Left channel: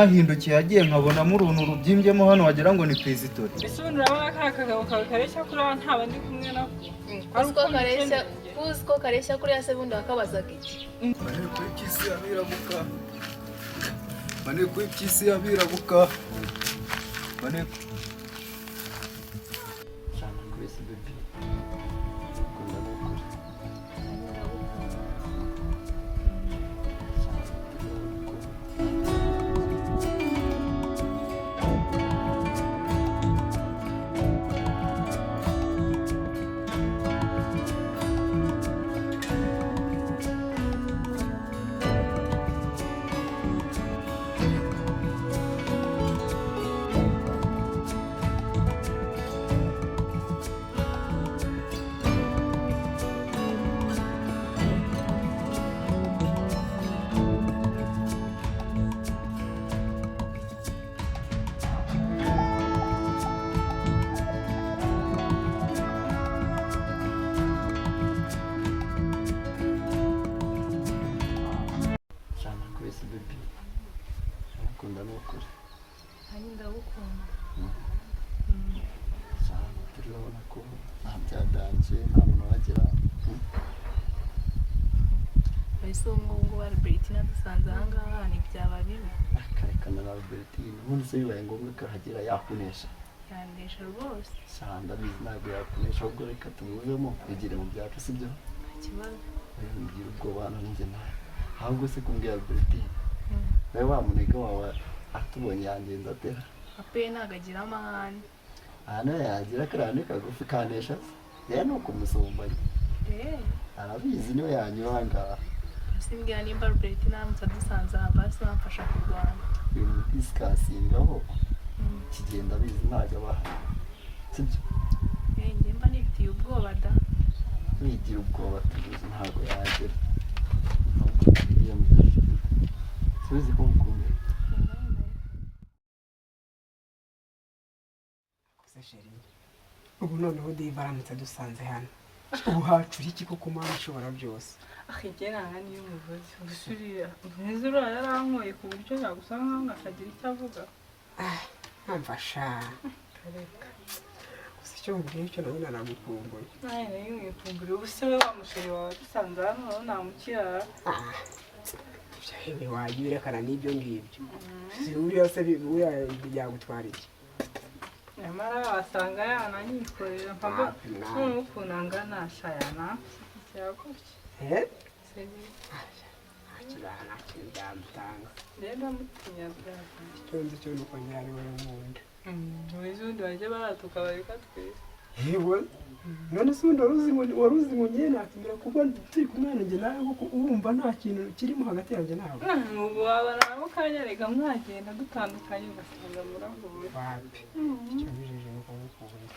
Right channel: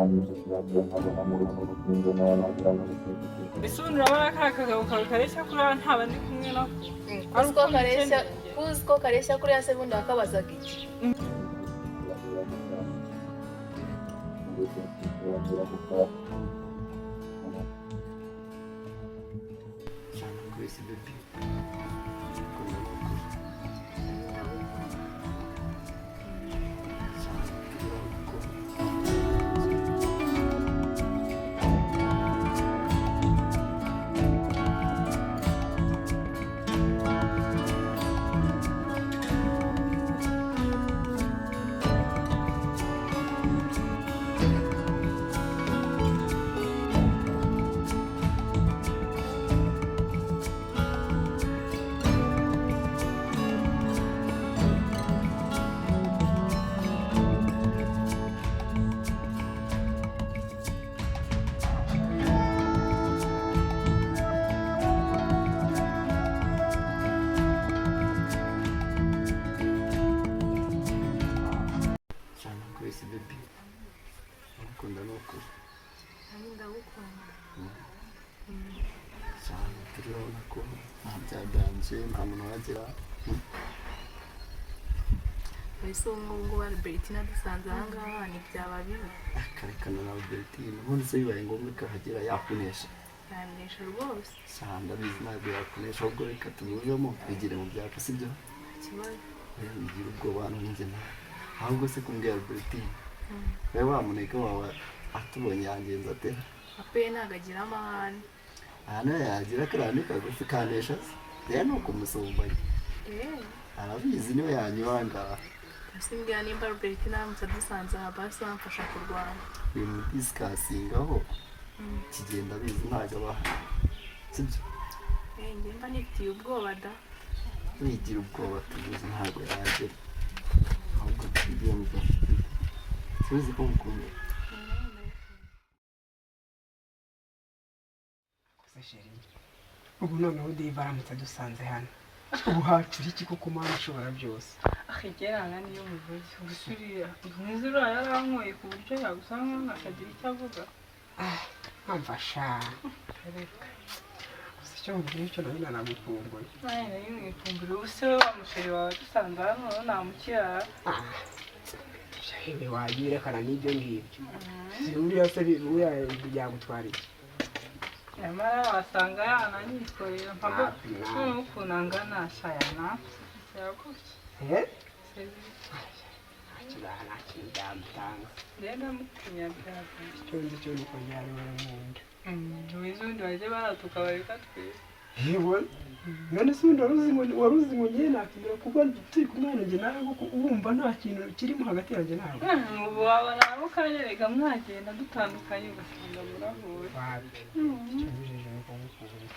nahindukiye yagiye nkabona muri unu rubyimbyemo hano wagira ngo ni perezida. Ese ubundi urabona ka kagabo kawe kareshya kuri aba nta bandi kumwe nako. Uzi ko kareshya kuri ya se bundi wakabazaga iki? Bari kuri kisi abirabuka. Bari kuri kisi abirabuka. Bari Sana kwisi baby. Nakunda n'ukuri. Ndagukunda. Cyane turabona ko nta byaganje nta muntu wagera. Bahise ngo Albertina dusanze aha ngaha ni byaba bibi. Akarekana na Albertina ubundi se bibaye ngombwa ko hagera yakunesha. Yanesha rwose. Cyane ndabizi ntabwo yakunesha ahubwo reka tumuvemo twigire mu byacu sibyo? Ikibazo. Ngira ubwoba hano ninjye nawe. Ahubwo se kumbwira Albertina. Nawe wa munega wawe atubonye yangenza atera. Ape nagagira amahane. Hano yagira karane kagufi kanesha. Rero nuko musombanye. Arabizi niwe yanyibanga. Asimbwira nimba Albertina mutadusanze aha basi bamfasha kurwana. Ibintu discussing'aho. Kigenda bizi ntago abaha. Sibyo? Njye mba nifitiye ubwoba da. Wigira ubwoba tuzi ntago yagera. Ahubwo tugiye mu gihe. Tuzi ko mukunda. Ubu noneho Dave aramutse dusanze hano. Ubu hacura iki koko Mana ishobora byose? Akigera niyo muvuzi usuriya. Nizura yarankoye ku buryo yagusanga nkakagira icyo avuga. Amfasha. Reka. Gusa cyo mbere cyo nawe nanagukumbuye. Naye yimwikumbura ubusire wa musheri wawe dusanze hano namukirara. Ibyo hewe wayirekana n'ibyo ngibyo. Uriya se uriya yagutwara iki? Nyamara wasanga yananyikorera mpamvu n'ukunanga nashayana. Cyagutse. Akibana cy'indamutanga. Rero mutinya byaje. Cyonze cyo nuko nyari we nkunda. Wizundi waje baratuka bareka twe. Yewe. None se waruzi ngo nyene nakindira kuba turi kumwana nje nawe kuko urumva nta kintu kirimo hagati yanjye nawe. Ubu wabara ukanyereka mwagenda dutandukanye ugasanga murahuye. Wapi. Cyo njeje nuko ngukubura.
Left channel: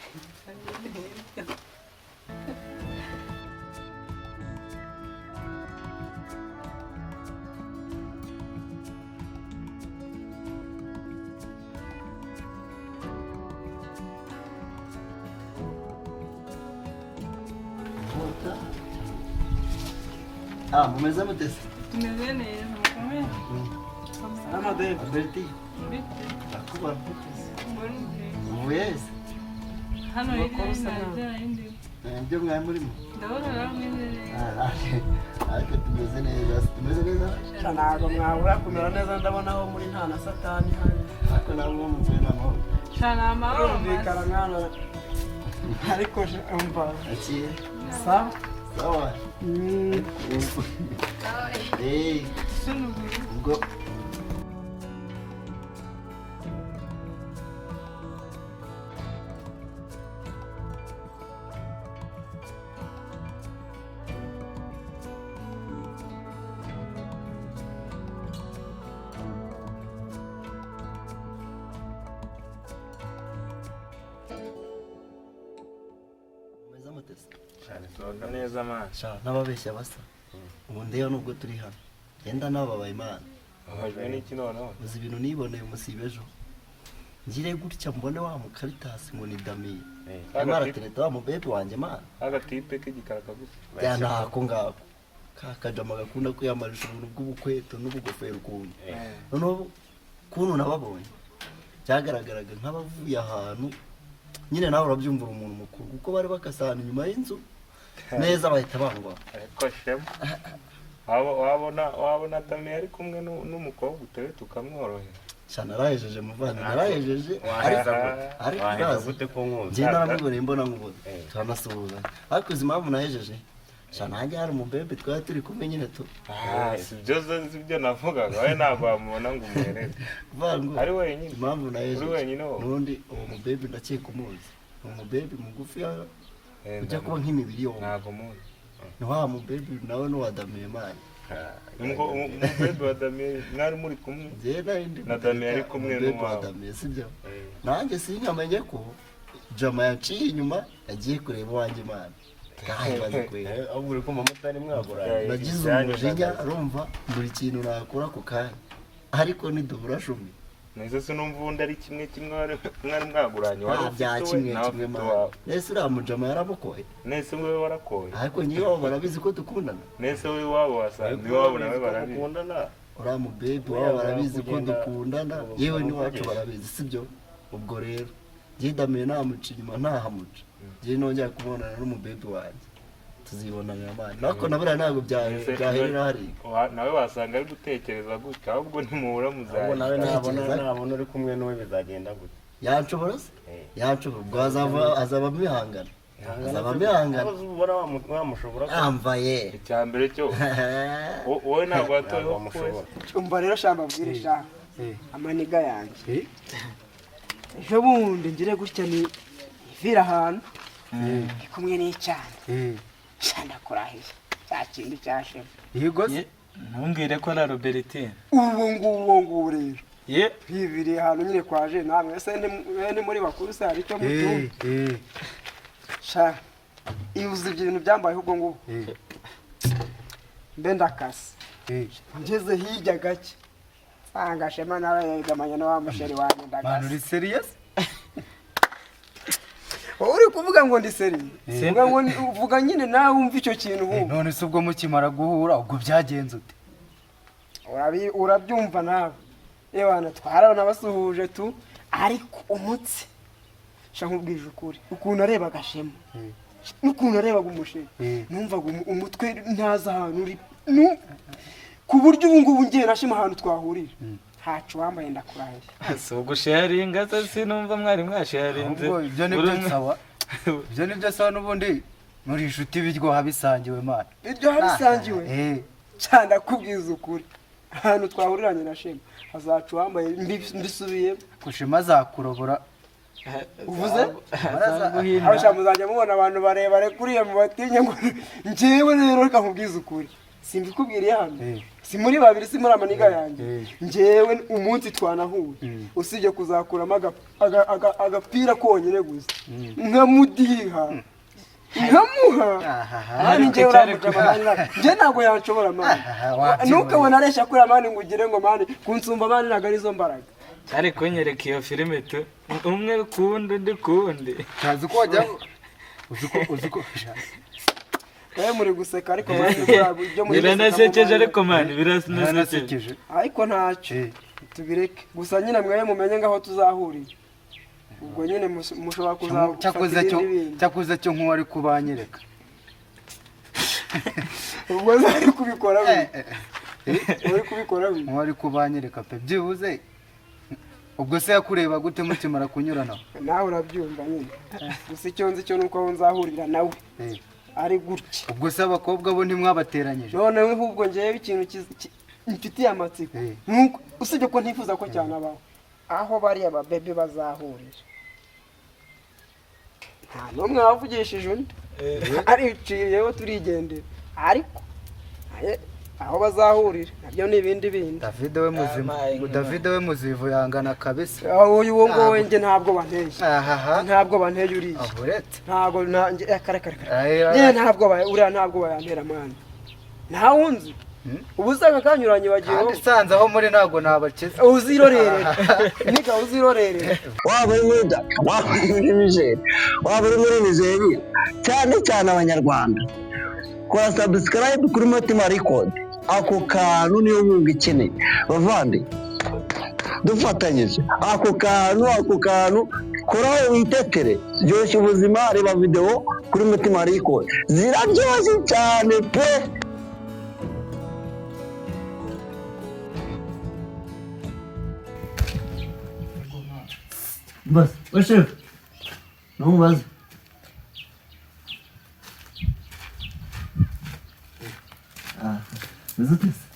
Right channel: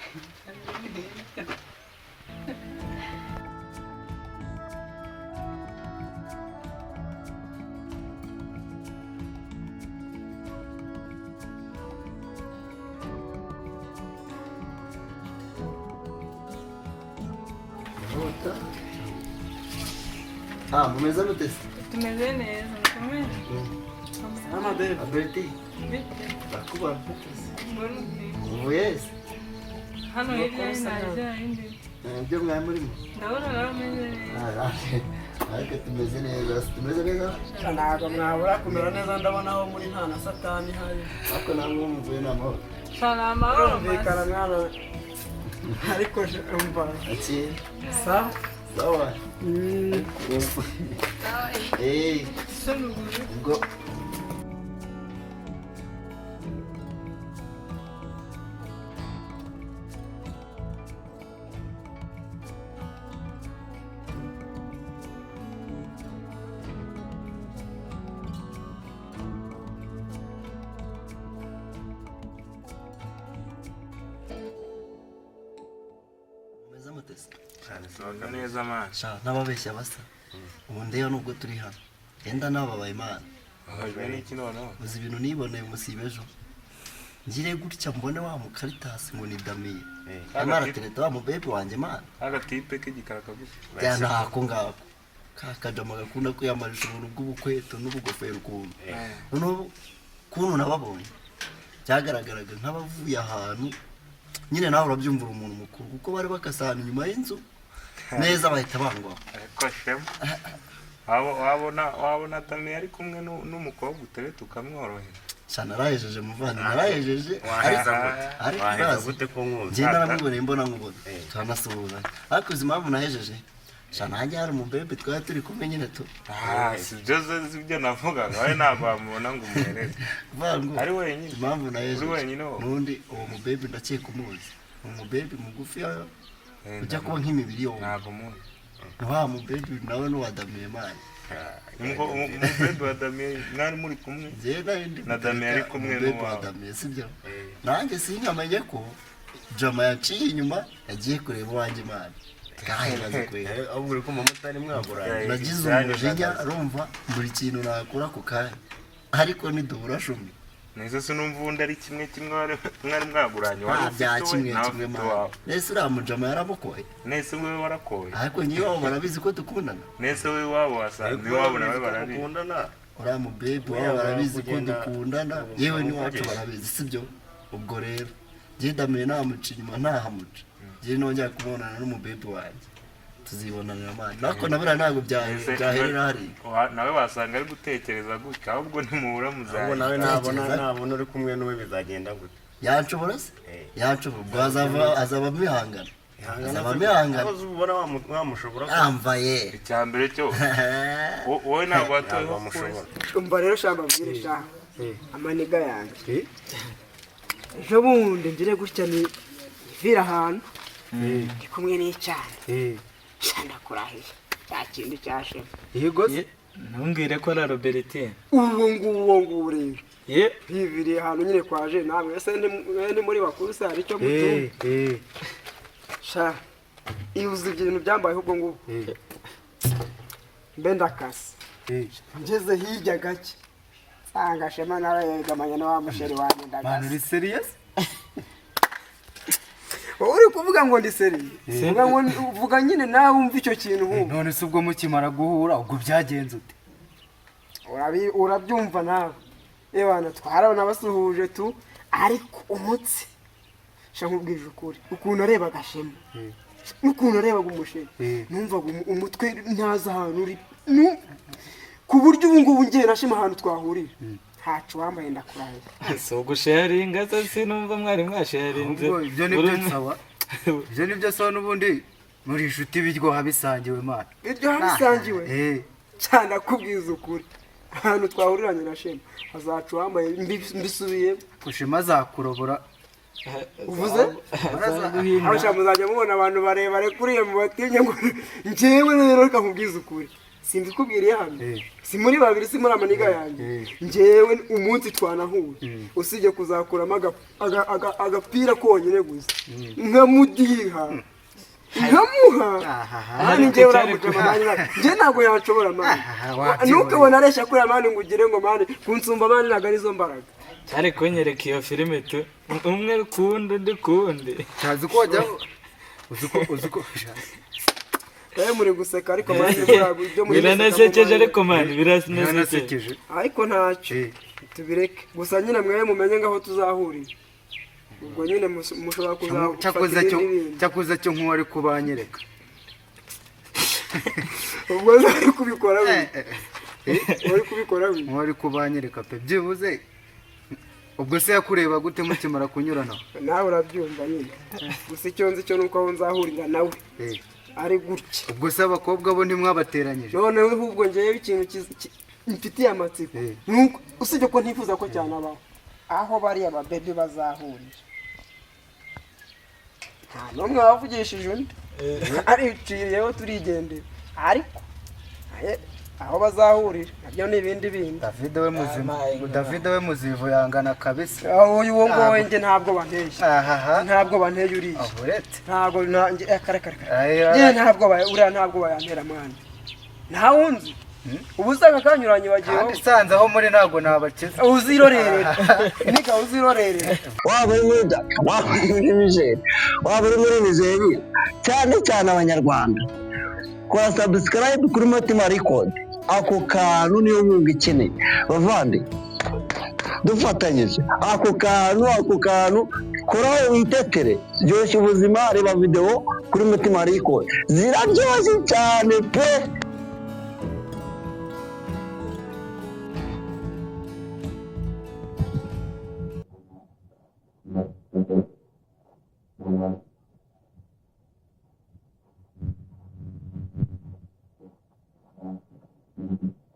Mumeze mute? Tumeze neza mukomeye. Mama Dave, Alberti. Akuba. Yes. Hano yari naje indi. Nibyo mwari murimo? Ndabona rameze. Ariko tumeze neza. Tumeze neza? Ntabwo mwabura kumera neza ndabona aho muri nta na satani hari. Ariko namwe muvuye n'amahoro. Shana amahoro. Bikara mwana. Ariko umva. Ati. Sawa. Sawa. Hey. Go. Sohoka neza man. Sha nababeshya basa. Ubu ndeyo nubwo turi hano. Yenda nababaye Imana. Ahajwe n'iki noneho? Uzi ibintu niboneye musibe ejo. Ngire gutya mbone wa mukaritasi ngo ni Damiye. Amara tereta wa mubebe wanjye Mana. Agatipe k'igikaraka gusa. Ya ntako ngako. Kakajama gakunda kwiyamarisha ubuntu bw'ubukweto n'ubugofero ukuntu. Noneho kuntu nababonye byagaragaraga nk'abavuye ahantu nyine nawe urabyumvira umuntu mukuru kuko bari bakasana inyuma y'inzu neza bahita bangwaho ariko shema wabona Damiye ari kumwe n'umukobwa utari tukamworohera cyane narahejeje muvandimwe narahejeje ariko gute ko nkuzi njye naramuboneye mbona nkubona turanasuhuza ariko uzi impamvu nahejeje cyane hajya hari umubebe twari turi kumwe nyine tu sibyo navugaga wowe ntabwo wamubona ngo umuhereze ari wenyine impamvu nahejeje uri wenyine wowe n'undi uwo mubebe ndakeka umuzi ni umubebe mugufi ujya kuba nk'imibiri yowe ntabwo muzi wa mubebe nawe n'uwa Damiye mani umubebe wa Damiye mwari muri kumwe na Damiye ari kumwe n'uwawe sibyo nanjye sinkamenye ko Jama yaciye inyuma yagiye kureba uwanjye mani kahibaze kwera ahubwo uri kumva mutari mwaguranye nagize umujinya urumva buri kintu nakora ku kanya ariko nidubura shumi nese sinumva undi ari kimwe mwari mwaguranye wari bya kimwe mama nese uriya mujama yaramukoye nese wewe warakoye ariko nyiwabo barabizi ko dukundana nese wewe wabo wasanze iwabo nawe barabizi uriya mubebe wabo barabizi ko dukundana yewe n'iwacu barabizi sibyo ubwo rero njye Damiye namuca inyuma ntahamuca njye nongera kumubonana n'umubebe wanjye tuzibonanira amani ariko nabura ntabwo byaherera hariya nawe wasanga ari gutekereza gutya ahubwo ntimuhura ahubwo nawe nabona uri kumwe n'uwe bizagenda gute yanshobora se yanshobora ubwo azaba amihangana ubona wamushobora yambaye icyambere cyo wowe ntabwo wamushobora umva rero shamba bwire sha amaniga yanjye ejo bundi ngire gutya ni vira ahantu ndi kumwe n'icyana cyane kurahiye cya kintu cyashema yego ntumbwire ko ari Robertine ubu ngubu rero bibiri ahantu nyine kwaje namwe ese ni muri bakuru se hari icyo mutumva sha ibuze ibintu byambaye ubwo ngubu mbe ndakase ngeze hirya gake nsanga Shema nawe yegamanye na wa musheri wanjye ndagase man uri serious uri kuvuga ngo ndi serious uvuga nyine nawe wumva icyo kintu wumva none se ubwo mukimara guhura ubwo byagenze ute urabyumva nawe ebana twarabona basuhuje tu ariko umutsi sha nkubwije ukuri ukuntu arebaga Shema n'ukuntu arebaga umusheri numvaga umutwe ntaza ahantu uri ku buryo ubu ngubu ngiye na Shema ahantu twahurira ntacu wambaye ndakurahiye si ugusharinga se sinumva mwari mwasharinze ibyo nibyo sawa n'ubundi muri inshuti biryoha bisangiwe mani biryoha bisangiwe cyane akubwiza ukuri ahantu twahuriranye na Shema hazacu wambaye mbisubiye ko Shema azakurobora uvuze aho Shema muzajya mubona abantu barebare kuriye mu batinya ngo njyewe rero reka nkubwiza ukuri simbikubwiriye hano si muri babiri si muri amaniga yanjye njyewe umunsi twanahuye usibye kuzakuramo agapira konyine gusa nkamudiha nkamuha mani njyewe uramujama njye ntabwo yanshobora mani ntukabona aresha kuri mani ngo ugire ngo mani kunsumba mani ntabwo arizo mbaraga cyari kunyereka iyo filime tu umwe kundi undi kundi ntazi ko wajya uzi ko kaye muri guseka ariko mani ibyo muri biranasekeje ariko mani biranasekeje ariko ntacyo tubireke gusa nyine mwewe mumenye ngaho tuzahurira ubwo nyine mushobora kuzafatira ibindi cyakuze cyo nk'uwari kubanyereka ubwo ari kubikora nk'uwari kubanyereka pe byibuze ubwo se yakureba gute mukimara kunyurana nawe urabyumva nyine gusa icyo nzi cyo nuko aho nzahurira nawe ari gutya ubwo se abakobwa bo ntimwabateranyije noneho ahubwo ngewe ikintu mfitiye amatsiko nuko usibye ko ntifuza ko cyane abaho aho bariya babebe bazahurira nta n'umwe wavugishije undi ariciyeho turigendera ariko aho bazahurira nabyo ni ibindi bindi David we muzivu yangana kabisa uyu wo ngo wenge ntabwo banteye uriya ntabwo ntabwo bayantera mwana nta wundi ubu usanga kanyuranye bagiye kandi sanze aho muri ntabwo nabakiza uzirorerera niga uzirorerera waba uri muri Daka waba uri muri Niger waba uri muri Nigeria cyane cyane abanyarwanda kwa subscribe kuri Mutima Record ako kantu niyo nkunga ikeneye bavande dufatanyije ako kantu koraho witekere ryoshya ubuzima. Reba video kuri Mutima Record ziraryoshye cyane pe. bas chef numubaze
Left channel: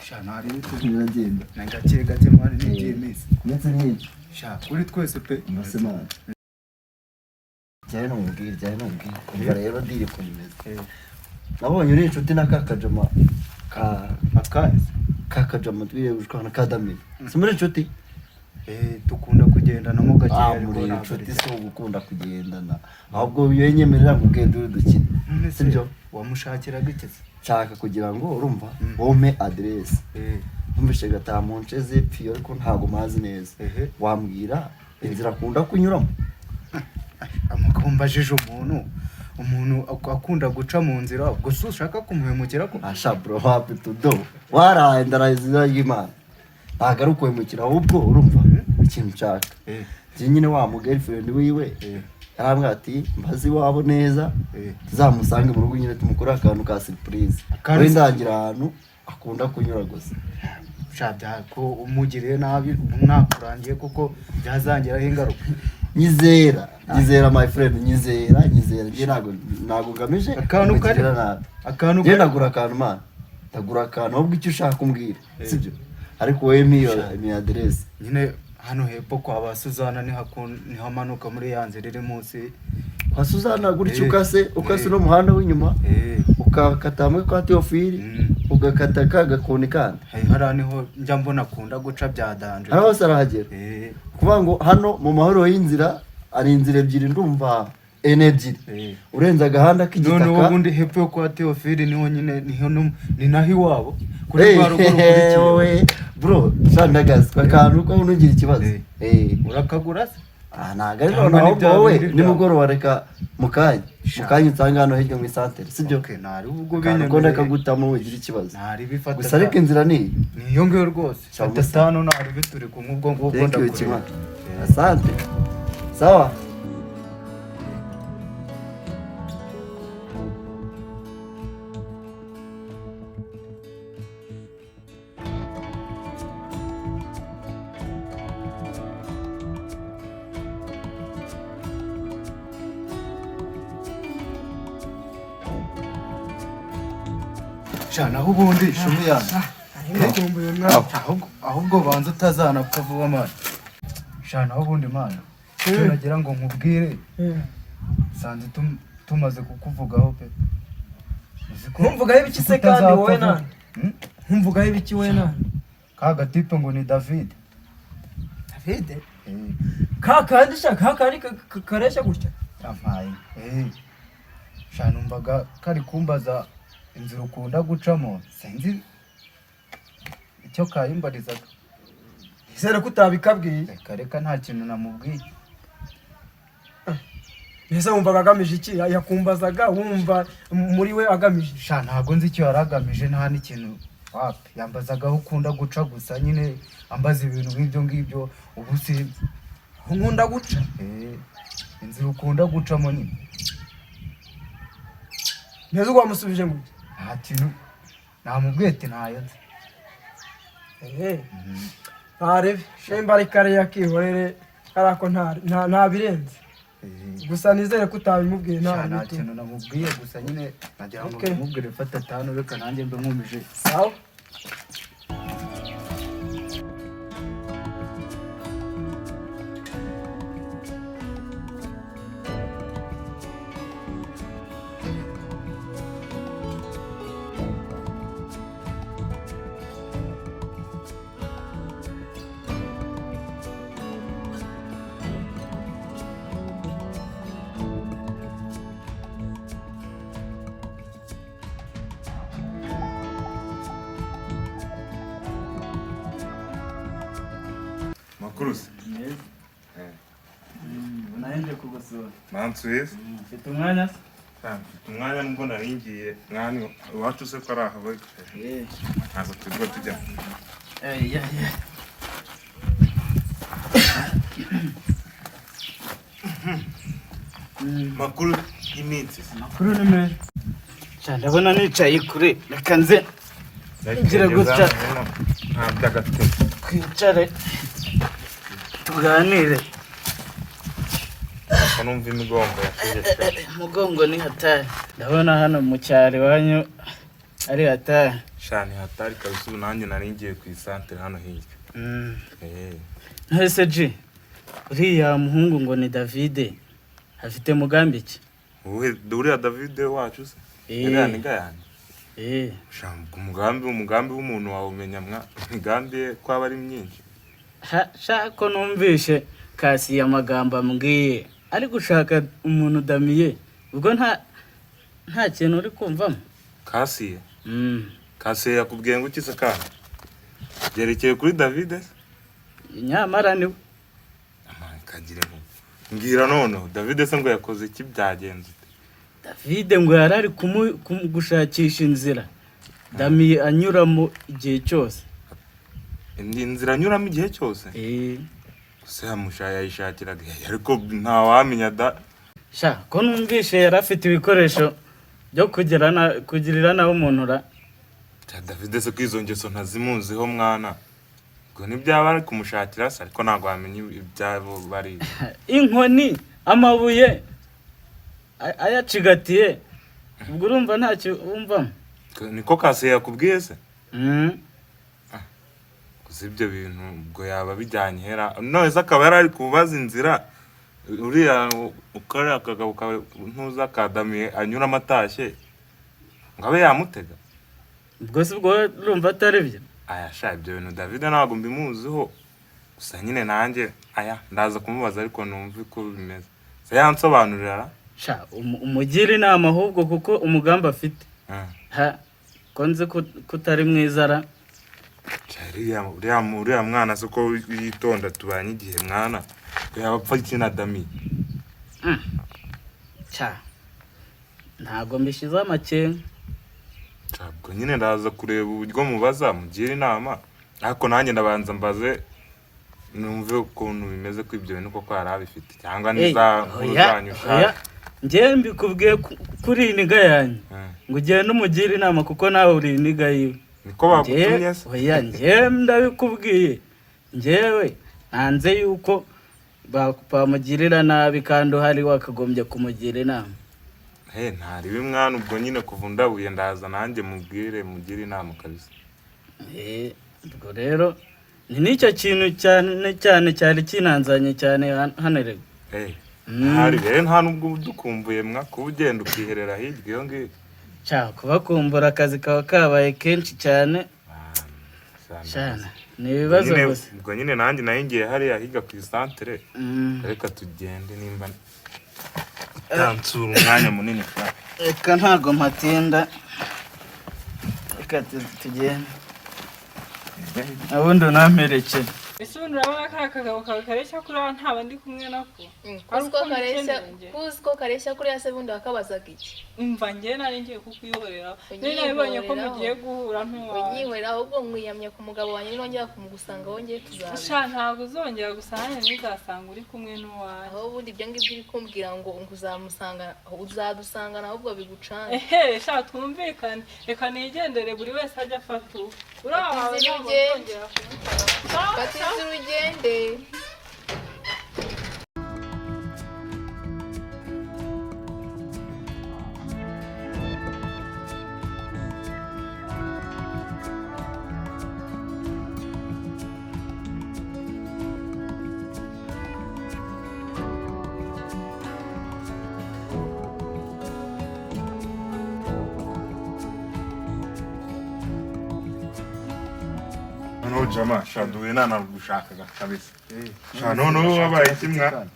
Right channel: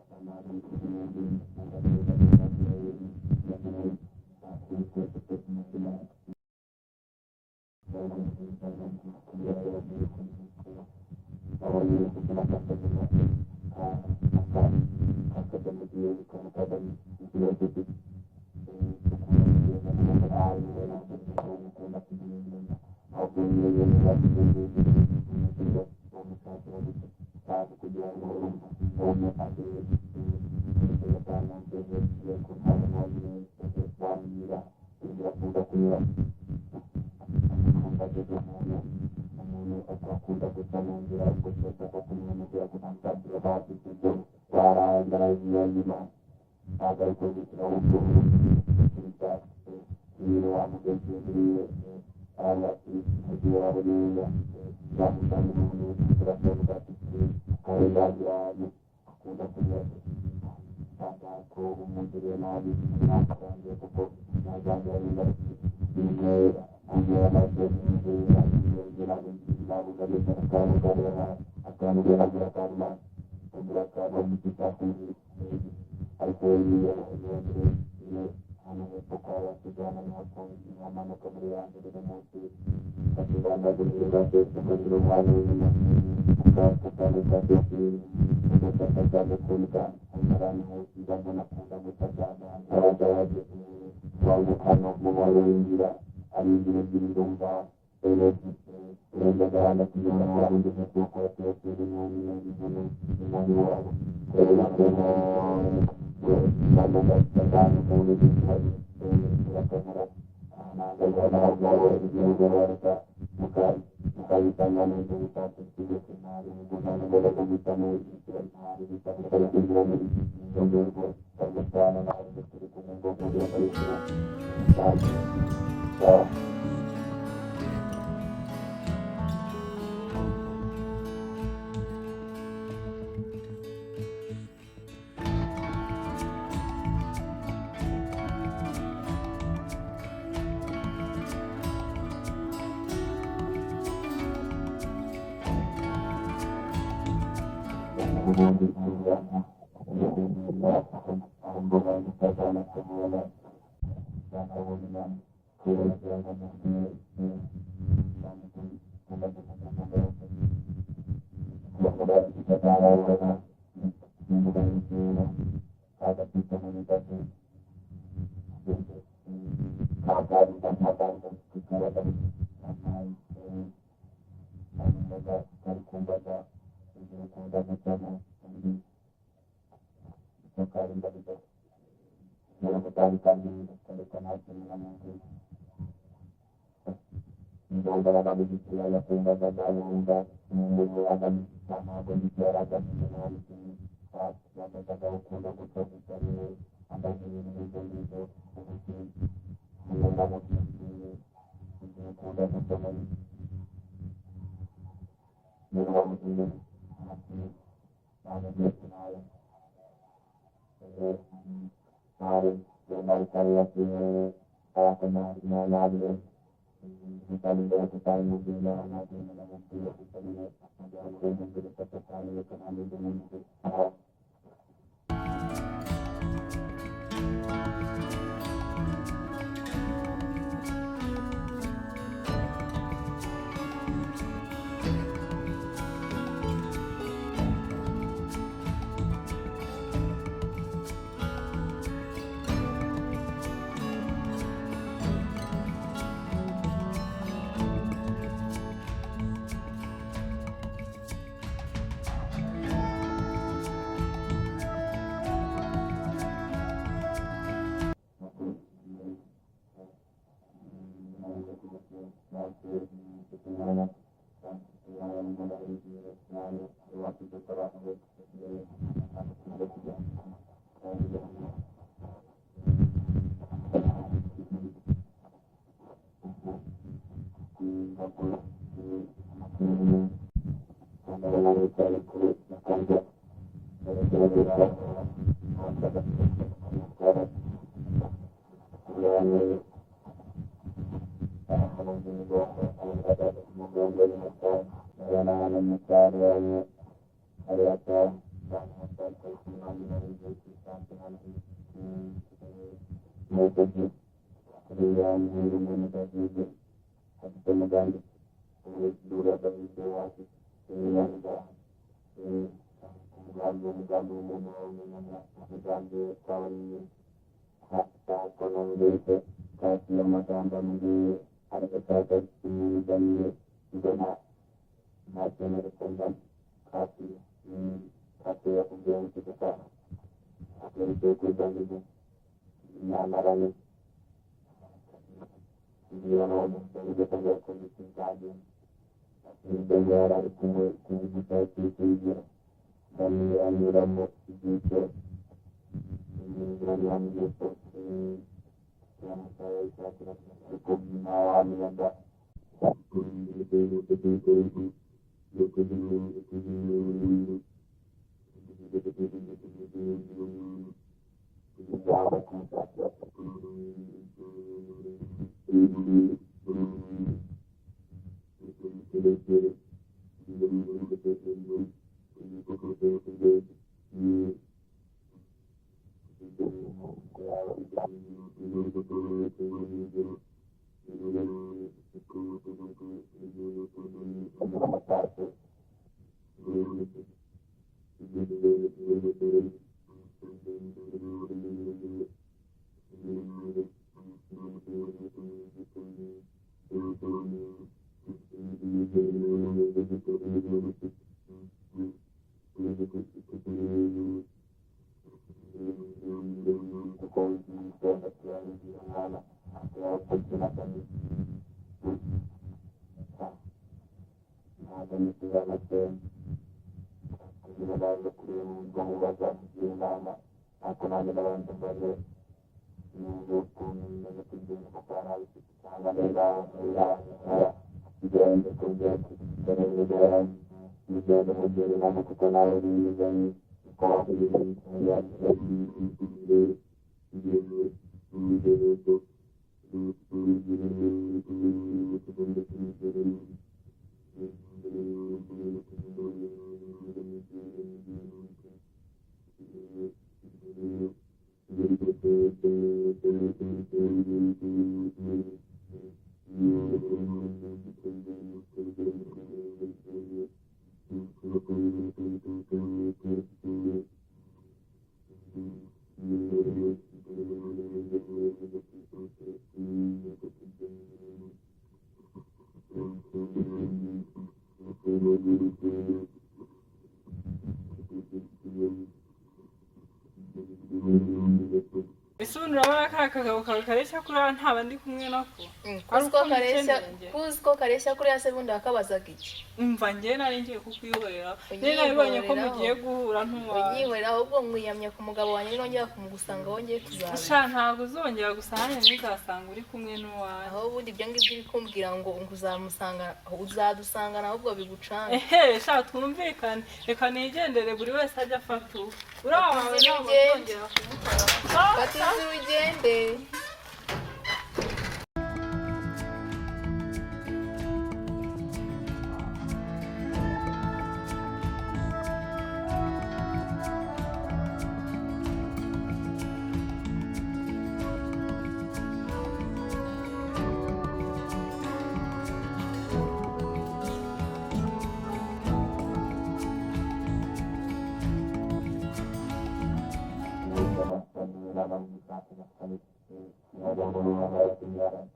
shana ari biragenda gake gake mwari n'ibyemeza ndetse n'ibyo sha kuri twese pe amasemana cyane n'umubwira umva rero ndiri kumeze nabonye uri inshuti na kakajama kakajama twiye gushwana kadamira simuri inshuti dukunda kugendana mu gake muri inshuti so gukunda kugendana ahubwo biyenyemerera kugenda uri dukina sibyo wamushakira giteze nshaka kugira ngo urumva wome adresse numvishe gataha mu nce zepfiyo ariko ntago mazi neza wambwira inzira akunda kunyuramo amukumbajije umuntu akunda guca mu nzira ubwo so ushaka kumuhemukira ko asha bro happy to do waraye ndarazira y'Imana agaruka kwemukira ahubwo urumva ikintu nshaka nyine wa mu girlfriend wiwe yarambwira ati mbazi wabo neza tuzamusange mu rugo nyine tumukora akantu ka surprise we ndagira ahantu akunda kunyura gusa shabya ko umugiriye nabi umwakurangiye kuko byazangiraho ingaruka nyizera my friend nyizera ntago ngamije akantu kari ndagura akantu mana ndagura akantu ahubwo icyo ushaka umbwira sibyo ariko wewe mi adresse nyine hano hepfo kwa ba Suzana niho amanuka muri ya nzira iri munsi kwa Suzana gutyo ukase no muhanda w'inyuma ukakata muri kwa Theophile ugakata kagakoni kandi hariya niho njya mbona akunda guca bya danje aho sarahagera kuvuga ngo hano mu mahoro y'inzira ari inzira ebyiri ndumva ebyiri urenza agahanda k'igitaka none ubundi hepfo yo kwa Theophile niho nyine ni naho iwabo kuri kwa ruguru bro shandagazi akantu ko unugira ikibazo urakagura se ntago ari noneho wowe nimugoroba reka mukanya nsanga hano hirya mu santere sibyo ntari ubwo ko ndakagutamo ugira ikibazo ntari bifata gusa ariko inzira niyo ngiyo rwose atano ntari bituri kumwe ubwo ngubwo ndakubwira asante sawa naho ubundi shumi yanjye ahubwo banza utazanapfa vuba mana naho ubundi mana nagira ngo nkubwire sanze tumaze kukuvugaho pe nkumvugaho ibiki se kandi wowe nani nkumvugaho ibiki wowe nani ka gatipe ngo ni David kandi shaka kandi kareshya gutya amaye numvaga kari kumbaza inzira ukunda gucamo sinzi icyo kayimbarizaga izere ko utabikabwiye reka nta kintu namubwiye mbese wumvaga agamije iki yakumbazaga wumva muri we agamije ntabwo nzi icyo yari agamije nta n'ikintu wapi yambazaga aho ukunda guca gusa nyine ambaza ibintu nk'ibyo ngibyo ubu sinzi nkunda guca inzira ukunda gucamo nini mbese wamusubije ngo nta kintu namubwiye ati ntayo nzi ntarebe shemba ari kariya kihorere karako ntabirenze gusa nizere ko utabimubwiye nta kintu namubwiye gusa nyine nagira ngo namubwire fata atanu reka nanjye mbe nkumije sawa Cruz. Naende kugosora. Mansuye. Mfite umwanya? Mfite umwanya nubwo naringiye mwani iwacu se ko ari ahawe. Ntazo tujya tujya. makuru y'iminsi Makuru ni meza. Sha ndabona nicaye kure reka nze gira gutya twicare tuganire. Numva imigongo yasheje. Umugongo ni hatari. Ndabona hano mu cyaro iwanyu ari hatari. Shani hatari kabisa ubu nanjye nari ngiye ku isantere hano hirya. Ntese G uriya muhungu ngo ni David afite mugambi ki? Uriya David wacu se? Uriya ni gayani? Umugambi w'umuntu wawe umenya imigambi ye ko aba ari myinshi. Shako numvishe kasi amagambo ambwiye ari gushaka umuntu udamiye ubwo nta kintu uri kumvamo. Kasiye? Kasiye yakubwiye ngo iki se kandi? Byerekeye kuri David? Nyamara niwe. Kagire ngo mbwira noneho David se ngo yakoze iki byagenze? David ngo yarari gushakisha inzira damiye anyuramo igihe cyose. Inzira anyuramo igihe cyose? Gusa yamushaya yishakiraga ariko ntawamenya da. Sha ko numvishe yari afite ibikoresho byo kugirira nawe umuntu ra. David se kwizo ngeso ntazimuziho mwana. Ngo nibyaba ari kumushakira se ariko ntago wamenye ibyabo bari. Inkoni amabuye ayacigatiye ubwo urumva ntacyo wumvamo. Niko Kasiye yakubwiye se? Ibyo bintu ubwo yaba bijyanye hera none se akaba yari kubaza inzira uriya ukora akagabo kawe ntuza akadamiye anyura amatashye ngo abe yamutega. Ubwo se ubwo urumva atari byo? Aya sha ibyo bintu David ntabwo mbimuziho gusa nyine nanjye ndaza kumubaza ariko numva uko bimeze se yansobanurira. Sha umugira inama ahubwo kuko umugambi afite konze kutari mwizara. Uriya mwana se ko yitonda tubanye igihe mwana yabapfa ikina dami. Ntabwo mbishyizeho amakenga. Ubwo nyine ndaza kureba uburyo mubaza mugira inama ariko nanjye ndabanza mbaze numve ukuntu bimeze ko ibyo bintu koko yari abifite cyangwa niza nk'uzanyu ushaka. Njyewe mbikubwiye kuri iniga yanyu ngo ugende umugire inama kuko nawe uri iniga yiwe. Niko bagutumye se? Oya njyewe ndabikubwiye. Njyewe nanze yuko bamugirira nabi kandi uhari wakagombye kumugira inama. Ntari mwana ubwo nyine kuva ndabuye ndaza nanjye mubwire mugire inama kabisa. Ubwo rero ni nicyo kintu cyane cyari kinanzanye cyane hano rego. Ntari rero nta nubwo dukumbuye kuba ugenda ukiherera hirya iyo ngiyo. Kubakumbura akazi kaba kabaye kenshi cyane. Ni ibibazo gusa. Ubwo nyine nanjye ngiye hariya higa ku isantere reka tugende nimba utansura umwanya munini cyane. Reka ntago mpatinda reka tugende ubundi unamperekeye. Ese ubundi urabona ka kagabo kawe kareshya kuri aba nta bandi kumwe nako? Kuzi ko kareshya kuri ya se bundi wakabazaga iki? Umva njye nari ngiye kukwihorera. Nabibonye ko mugiye guhura ntuwawe. Unyihorera ahubwo mwiyamye ku mugabo wanjye nongera kumugusanga wongeye tuzabana. Sha ntabwo uzongera gusanga ntuzasanga uri kumwe n'uwawe. Aho ubundi ibyo ngibyo uri kumbwira ngo uzadusanga ahubwo bigucanga. Sha twumvikane reka nigendere buri wese ajya afata uwe. Uraho wawe ntabwo uzongera kumukora. Urugende. Jama shaduwe nanagushakaga kabisa. Noneho wabaye kimwa.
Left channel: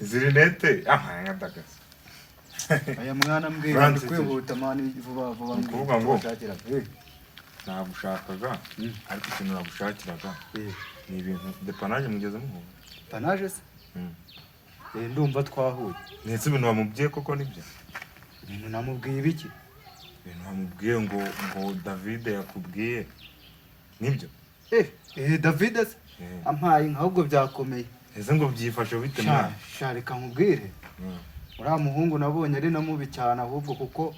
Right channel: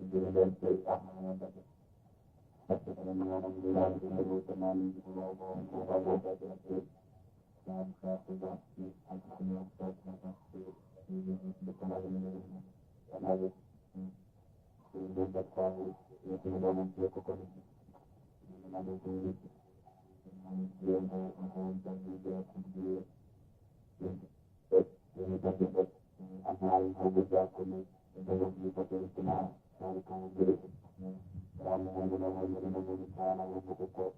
Zirinete nkadagasa. Aya mwana mbwira kwihuta mani vuba kuvuga ngo nagushakaga ariko ikintu nagushakiraga ni ibintu depanaje mugezemo. Panaje se? Ndumva twahuye. Netse ibintu wamubwiye koko nibyo? Ibintu namubwiye ibiki? Ibintu wamubwiye ngo David yakubwiye nibyo? David se? ampaye inka ahubwo byakomeye. ese ngo byifashe bite mwana? Sha reka nkubwire, uriya muhungu nabonye ari na mubi cyane ahubwo, kuko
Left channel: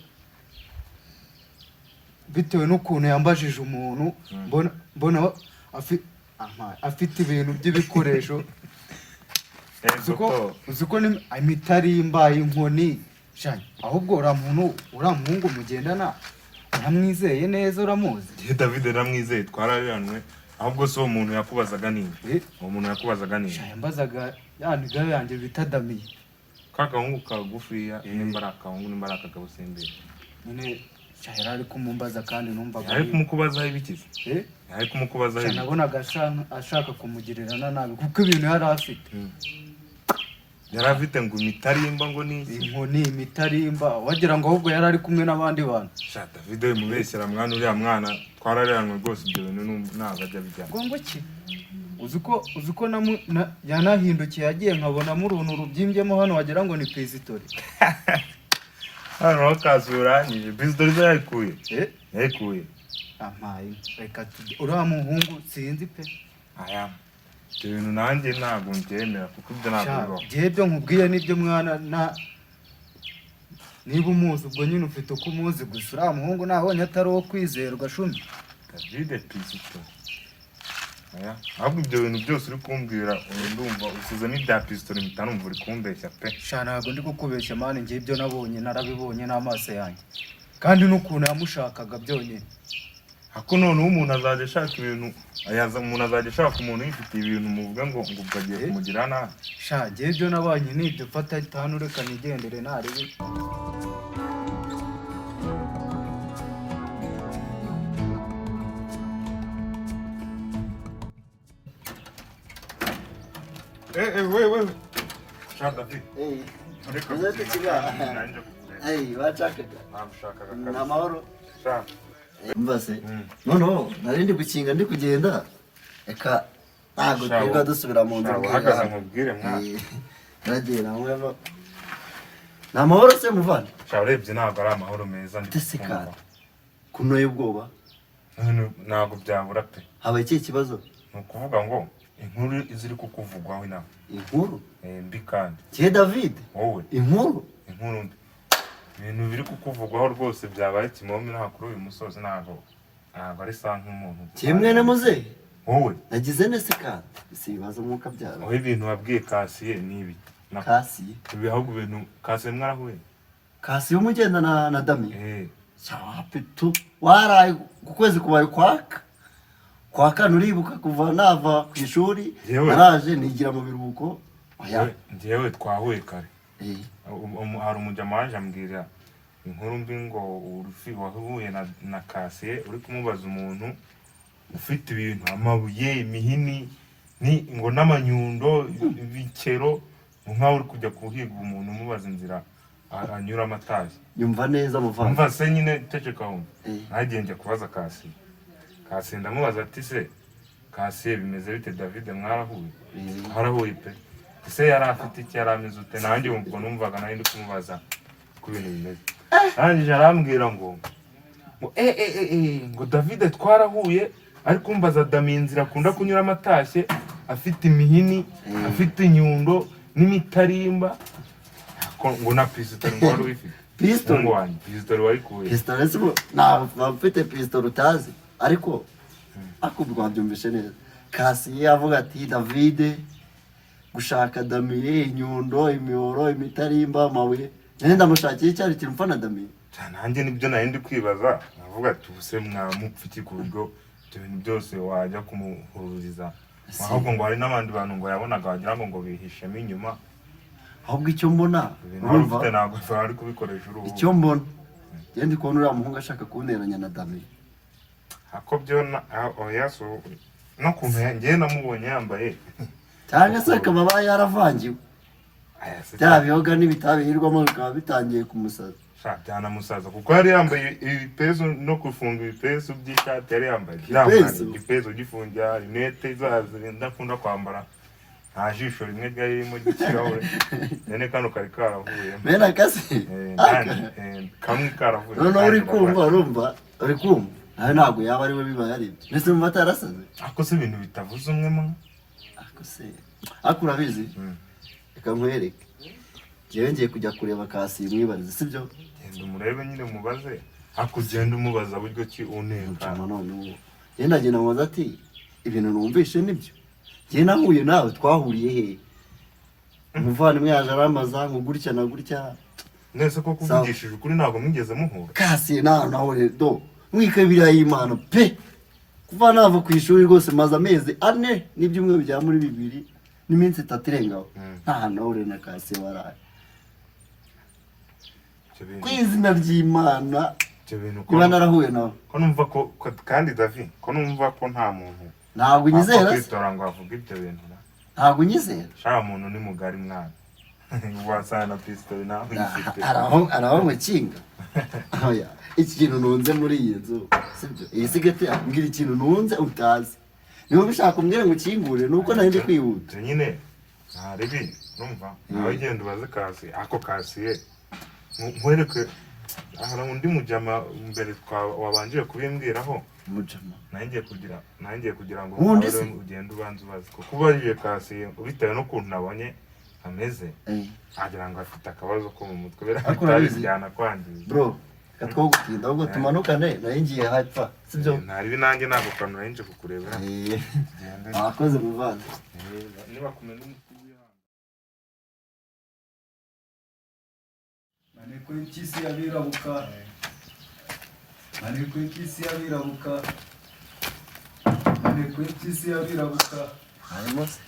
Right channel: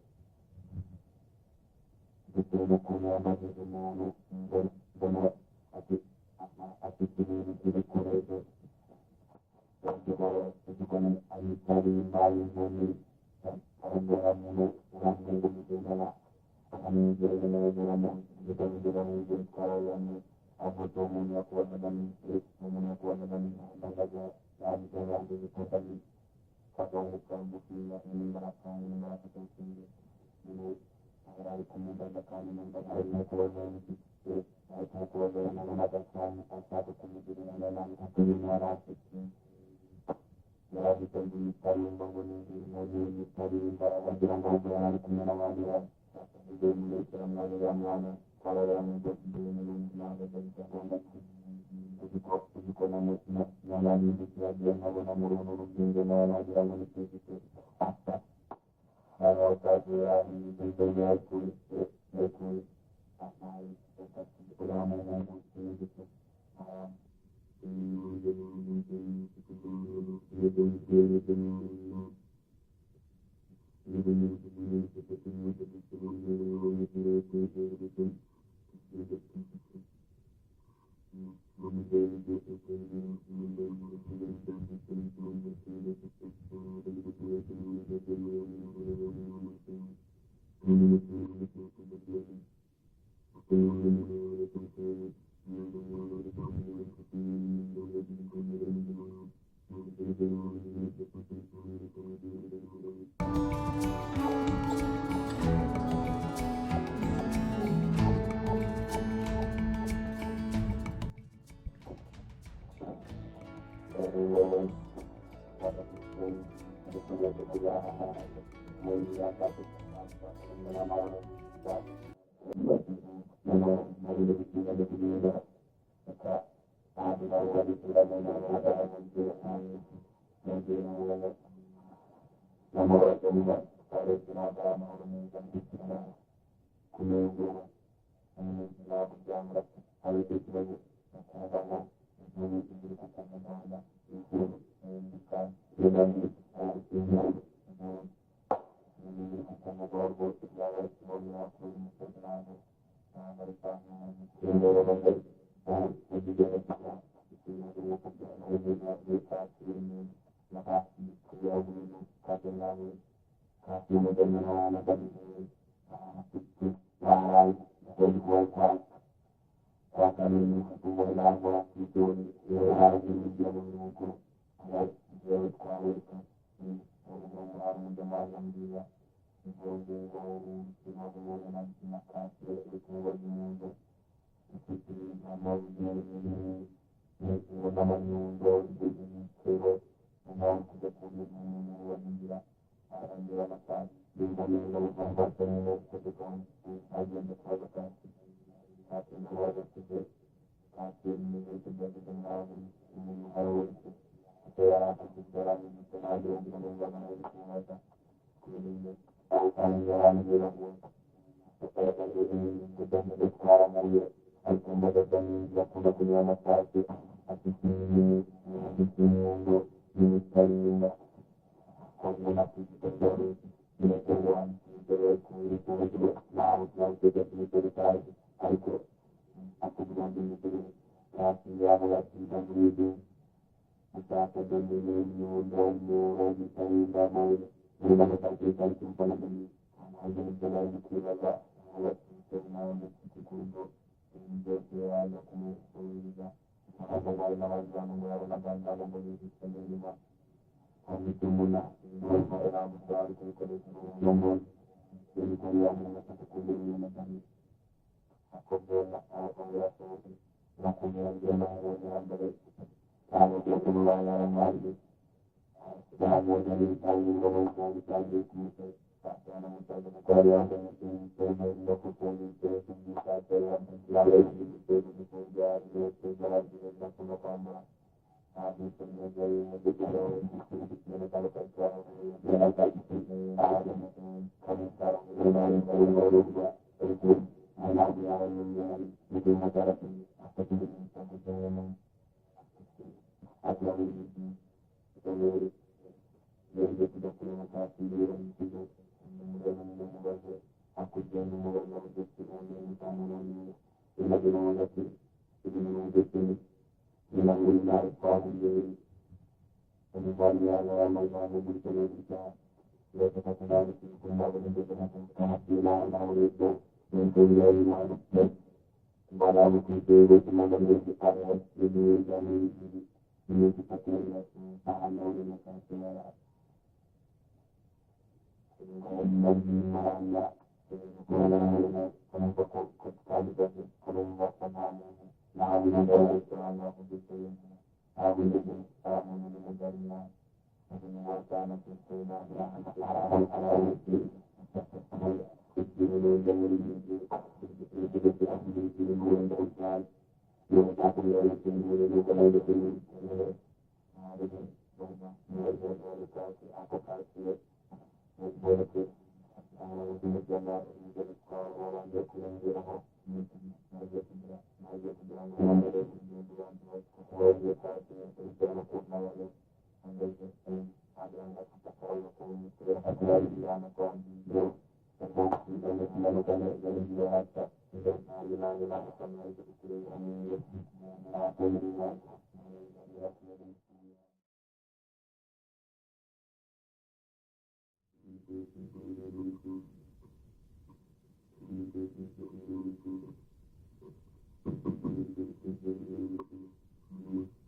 bitewe n'ukuntu yambajije umuntu mbona afite ibintu by'ibikoresho uzi ko imitarimba, inkoni, ahubwo uriya muhungu mugendana uramwizeye neza, uramuzi? David namwizeye, twarareranwe. ahubwo so umuntu yakubazaga ninde? uwo muntu yakubazaga ninde? yambazaga ya nigayo yanjye bita Damiye. Kakahungu kagufiya nimba ari akahungu nimba ari akagabusembere nyine yari ari kumumbaza kandi numvaga ari kumukubazaho ibikize. ari kumukubazaho ibiki? nabonaga ashaka kumugirira nabi kuko ibintu yari afite. yari afite ngo imitarimba ngo ni inkoni, imitarimba, wagira ngo ahubwo yari ari kumwe n'abandi bantu. David mubeshyera mwana, uriya mwana twarareranwe rwose, ibyo bintu ntabwo ajya bijyana. Ngo ki? uzi ko yanahindukiye yagiye nkabonamo uruntu rubyimbyemo hano wagira ngo ni pisitori. hano aho kazuranyije pisitori zo yayikuye. yayikuye ampaye reka uriya muhungu sinzi pe. aya ibyo bintu nanjye ntabwo mbyemera kuko ibyo ntabwo bibaho. ibyo nkubwiye nibyo mwana, niba umuzi ubwo nyine ufite uko umuzi gusa. uriya muhungu nabonye atari uwo kwizerwa shumi. David pisitori. ahubwo ibyo bintu byose uri kumbwira ndumva usize n'ibya pisitori mpita numva uri kumbeshya pe. ntabwo ndi kukubeshya mani, njye ibyo nabonye narabibonye n'amaso yanjye, kandi n'ukuntu yamushakaga byonyine. ako noneho umuntu azajya ashaka ibintu, umuntu azajya ashaka umuntu yifitiye ibintu muvuga ngo ukagiye kumugira nabi. njye ibyo nabonye nibyo, fata itanu reka nigendere ntarebe. wewe shaka David ni amahoro. noneho nari ndi gukinga ndi kugenda, reka ntabwo twirirwa dusubira mu nzu. uhagaze nkubwire mwana. nagiye nawe ni amahoro se muvana? urebye ntabwo ari amahoro meza. ndetse kandi kunoye ubwoba ntabwo byabura pe. habaye ikihe kibazo? ni ukuvuga ngo inkuru ziri kukuvugwaho inama. inkuru mbi kandi kihe David? wowe inkuru mbi, ibintu biri kukuvugwaho rwose byabaye kimomi nta kuri uyu musozi, ntabwo ari sa nk'umuntu. kimwe na muzehe wowe nagize nese kandi si ibibazo mwuka byara. aho ibintu wabwiye Kasiye n'ibi Kasiye ibihugu ibintu Kasiye mwarahuye. Kasiye umugenda na Damiye tu waraye ku kwezi kubaye kwa kane, uribuka kuva nava ku ishuri naraje nigira mu biruhuko. njyewe twahuye kare. hari umujama waje ambwira inkuru mbi ngo urufi wahuye na Kasiye uri kumubaza umuntu ufite ibintu, amabuye, imihini, ngo n'amanyundo, ibikero, nkaho uri kujya kuhiga umuntu umubaza inzira anyuramo atazi. yumva neza muvanga. umva se nyine teceka wumva. nagiye njya kubaza Kasiye. Kasiye ndamubaza ati se Kasiye bimeze bite David mwarahuye? harahuye pe. ese yari afite iki, yari ameze ute? nanjye ubwo numvaga nari ndi kumubaza ku bintu bimeze. arangije arambwira ngo ngo David twarahuye, ariko umbaza Damiye inzira akunda kunyuramo atashye, afite imihini, afite inyundo n'imitarimba, ngo na pisitori ngo wari wifite. Pisitori wanjye pisitori warikuye. Pisitori se ntabwo ufite pisitori utazi, ariko akubwo wabyumvishe neza. Kasiye avuga ati David gushaka Damiye inyundo, imihoro, imitarimba, amabuye, nari ndamushakiye cyari kintu mfana Damiye. nanjye nibyo nari ndi kwibaza, navuga ati ubuse mwamupfiki ku buryo ibyo bintu byose wajya kumuhururiza. ahubwo ngo hari n'abandi bantu ngo yabonaga wagira ngo bihishemo inyuma. ahubwo icyo mbona urumva ntabwo bari kubikoresha uruhu. icyo mbona njye ndi kubona uriya muhungu ashaka kunteranya na Damiye. ako byo oya so no kumenya njye namubonye yambaye cyangwa se akaba yaravangiwe. bya biyoga n'ibitabirirwamo bikaba bitangiye kumusaza. byanamusaza kuko yari yambaye ibipezo no gufunga ibipezo by'ishati yari yambaye. igipezo gifungira rinete zazo ndakunda kwambara, nta jisho rimwe ryari ririmo ry'ikirahure. none kano kari karavuye. bene akase kamwe karavuye. noneho uri kumva nawe ntabwo yaba ari we bibaye ari ibyo. mbese mu mata yarasaze. ako se ibintu bitavuze umwe mo ariko urabizi reka nkwereke njyewe ngiye kujya kureba Kasi mwibarize sibyo genda umurebe nyine mubaze ariko ugenda umubaza buryo ki unenga none ubu yenda agenda mubaza ati ibintu numvishe nibyo njye nahuye nawe twahuriye he umuvandimwe yaje aramaza ngo gutya na gutya nese ko kuvugishije ukuri ntabwo mwigeze muhura Kasi nawe do mwike biriya y'Imana pe kuva nava ku ishuri rwose maze amezi 4 n'ibyumweru bya muri 2 n'iminsi 3 irengaho nta nawe na Kasi waraye kwizina ry'Imana niba narahuye nawe ko numva ko kandi David ko numva ko nta muntu ntabwo unyizera kwitora ngo avuge ibyo bintu ntabwo unyizera sha muntu ni mugari mwana wasana pistol nawe ifite araho mukinga oya iki kintu nunze muri iyi nzu sibyo iyi sigete ambwira ikintu nunze utazi niba bishaka umbwire ngo ukingure nuko nari ndi kwihuta nyine ntarebi numva nawe genda ubaze Kasi ako Kasi ye nkwereke aha undi mujama mbere wabangiye kubimbwiraho mujama nangiye kugira ngo nawe ugende ubanze ubaze kuko ubajije Kasi bitewe n'ukuntu nabonye ameze agira ngo afite akabazo ko mu mutwe bitajyana kwangiza bro katwogutinda ahubwo tumanukane nayo ngiye hapfa sibyo ntari nanjye ntabwo kantu nari nje kukureba abakoze muvana niba kumenya maneko y'ikisi y'abirabuka maneko y'ikisi y'abirabuka maneko y'ikisi y'abirabuka harimo se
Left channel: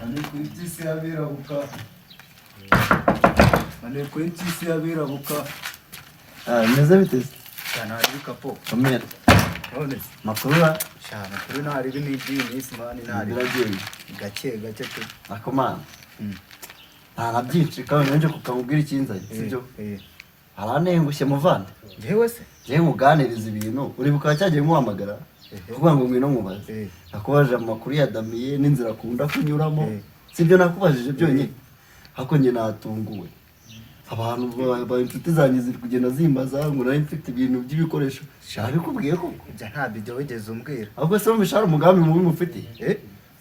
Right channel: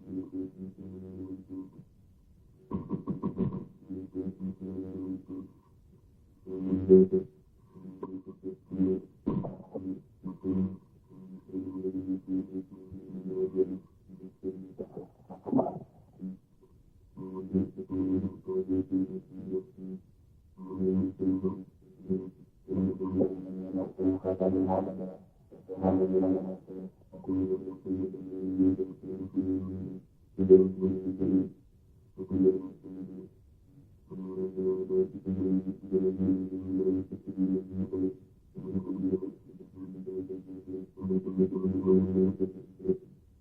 maneko y'ikisi y'abirabuka maneko y'ikisi y'abirabuka meze biteze cyane hari kapo omera none makuru cyane kuri ntari binibyinisi mani ntari gake pe akomana nta byinshi kandi nje kukabubwira ikinzanye sibyo aranengushye muvana yewe se je muganiriza ibintu uribuka cyagiye muhamagara uvuga ngo ngwino mubaze nakubaje amakuru ya Damiye n'inzira akunda kunyuramo sibyo nakubajije byonyine hako nge natunguwe abantu ba inshuti zanjye ziri kugenda zimbaza ngo nari mfite ibintu by'ibikoresho nabikubwiye koko bya nta bijya wigeze umbwira ahubwo se mumbishara umugambi mubi mufite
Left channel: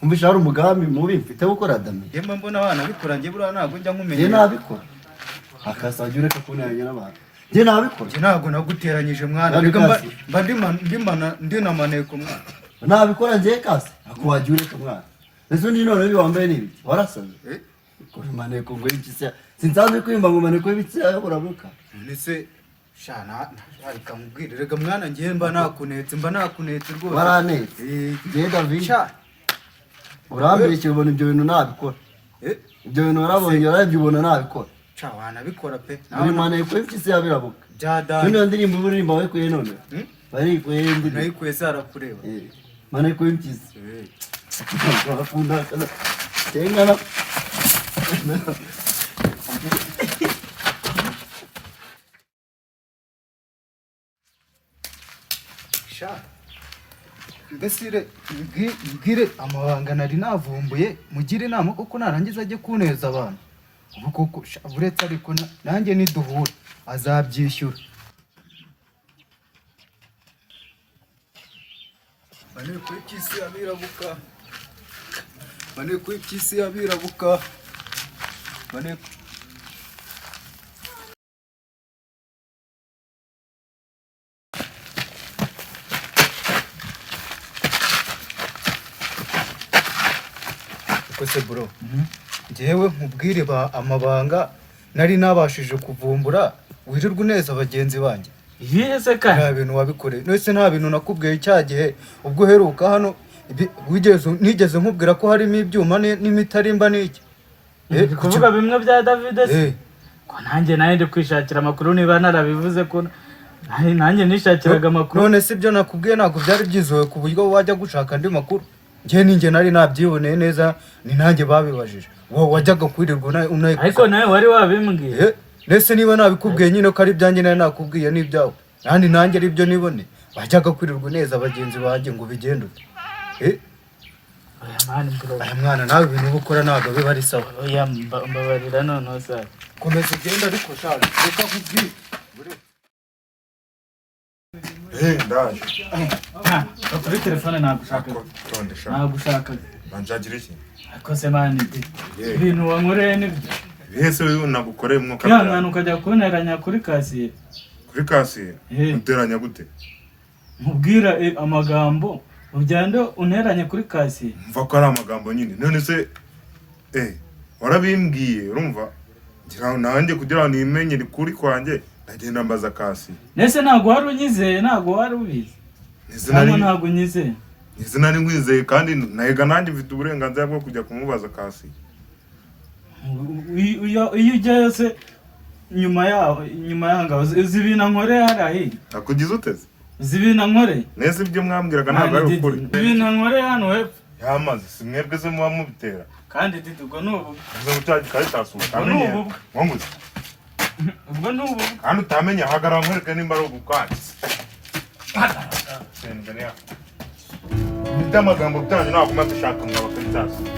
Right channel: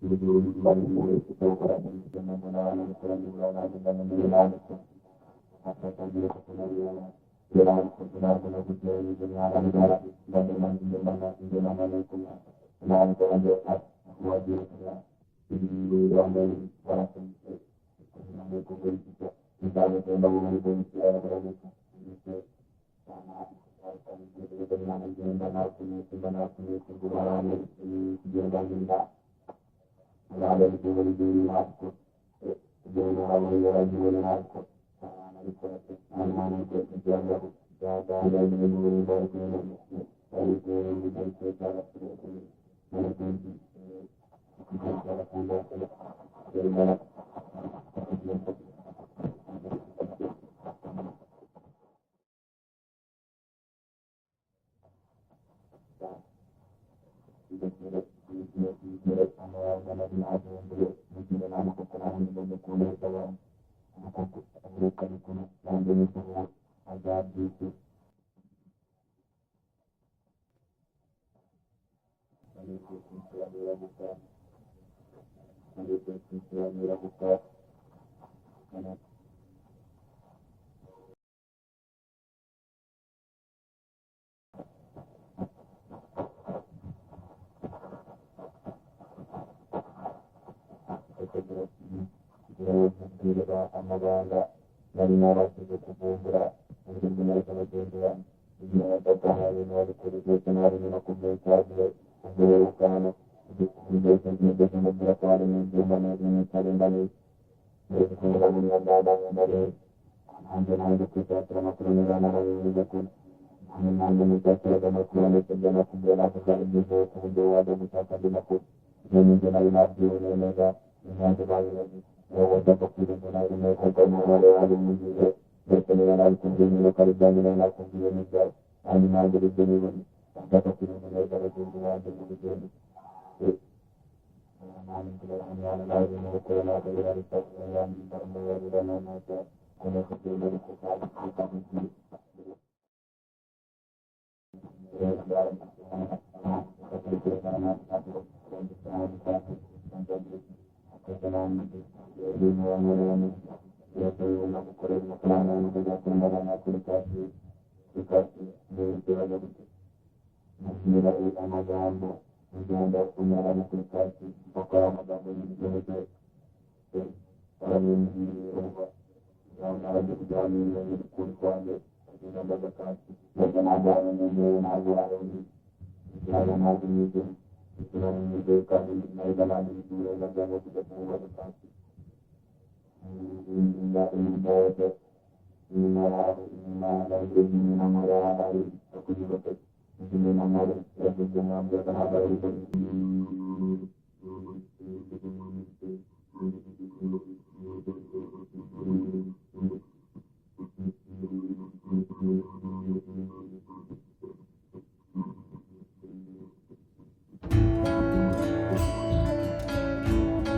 mumbishara umugambi mubi mfite gukora Damiye yemwe mbona abana bikurangiye buriya ntabwo njya nkumenya je nabikora akasajya ureka kunyangira abantu je nabikora je ntabwo naguteranyije mwana reka mba ndina maneko mwana nabikora je Kasi akuwaje ureka mwana ese ndi none uyu wambaye nibi warasaze kuri maneko ngo ikise sinsanzwe kwimba ngo maneko y'ibitse uramuka ndetse shana reka mubwire reka mwana ngiye mba nakunetse rwose baranetse je David urambere cyubona ibyo bintu nabikora ibyo bintu warabonye urabibona nabikora cha wanabikora pe muri maneko y'ibitse yabirabuka jada none ndirimbo uririmba we kuye none bari kuye ndi nayikuye sara kureba maneko y'ibitse bakunda tengana mbese mbwire amabanga nari navumbuye mugire inama kuko narangiza ajye kuneza abantu ubu koko uretse ariko nanjye niduhura azabyishyura maneko y'ikisi y'abirabuka maneko y'ikisi y'abirabuka maneko se bro njyewe nkubwire amabanga nari nabashije kuvumbura wirirwa uneza bagenzi banjye yese kandi nta bintu wabikoreye nese nta bintu nakubwiye cyagihe ubwo heruka hano nigeze nkubwira ko harimo ibyuma n'imitarimba n'iki kuvuga bimwe bya David se ko nanjye nawe ndi kwishakira amakuru niba narabivuze ko nanjye nishakiraga amakuru none se ibyo nakubwiye ntabwo byari byizewe ku buryo wajya gushaka andi makuru njye nari nabyiboneye neza ni nanjye babibajije wowe wajyaga kwirirwa unayikoze ariko nawe wari wabimbwiye nese niba nabikubwiye nyine ko ari ibyanjye nari nakubwiye n'ibyawe kandi nanjye ari byo nibone bajyaga kwirirwa neza bagenzi banjye ngo bigende aya mwana nawe ibintu uba ukora ntabwo biba ari sawa oya mbabarira noneho sawa komeza ugenda ariko shaka reka nkubwire ndaje kuri telefone nagushaka banshakira iki ariko se bandi ibintu wankoreye nibyo bihese wewe nagukoreye umwuka kwihangana ukajya kunteranya kuri kasiye uteranya gute nkubwira amagambo ugenda unteranye kuri kasiye mva ko ari amagambo nyine none se warabimbwiye urumva ngira nanjye kugira ngo nimenye ni kuri kwanjye ndagenda mbaza kasiye nese ntabwo wari unyizeye ntabwo wari ubizi ntabwo unyizeye izina ni nkwizeye kandi nahiga nanjye mfite uburenganzira bwo kujya kumubaza kasiye iyo ujyayo se nyuma yaho uzi ibintu nkoreye hariya nakugize uteze uzi ibintu nkoreye nese ibyo mwambwiraga ntabwo ari ukuri ibintu nkoreye hano hepfo yamaze si mwebwe se muba mubitera kandi didi ubwo ni ubu uze gucaga ikaritasuma utamenye wanguze ubwo ni ubu kandi utamenye hagarara nkwereke nimba ari ubukwansi ibyo amagambo byanyu ntabwo umaze ushaka mwaba karitasi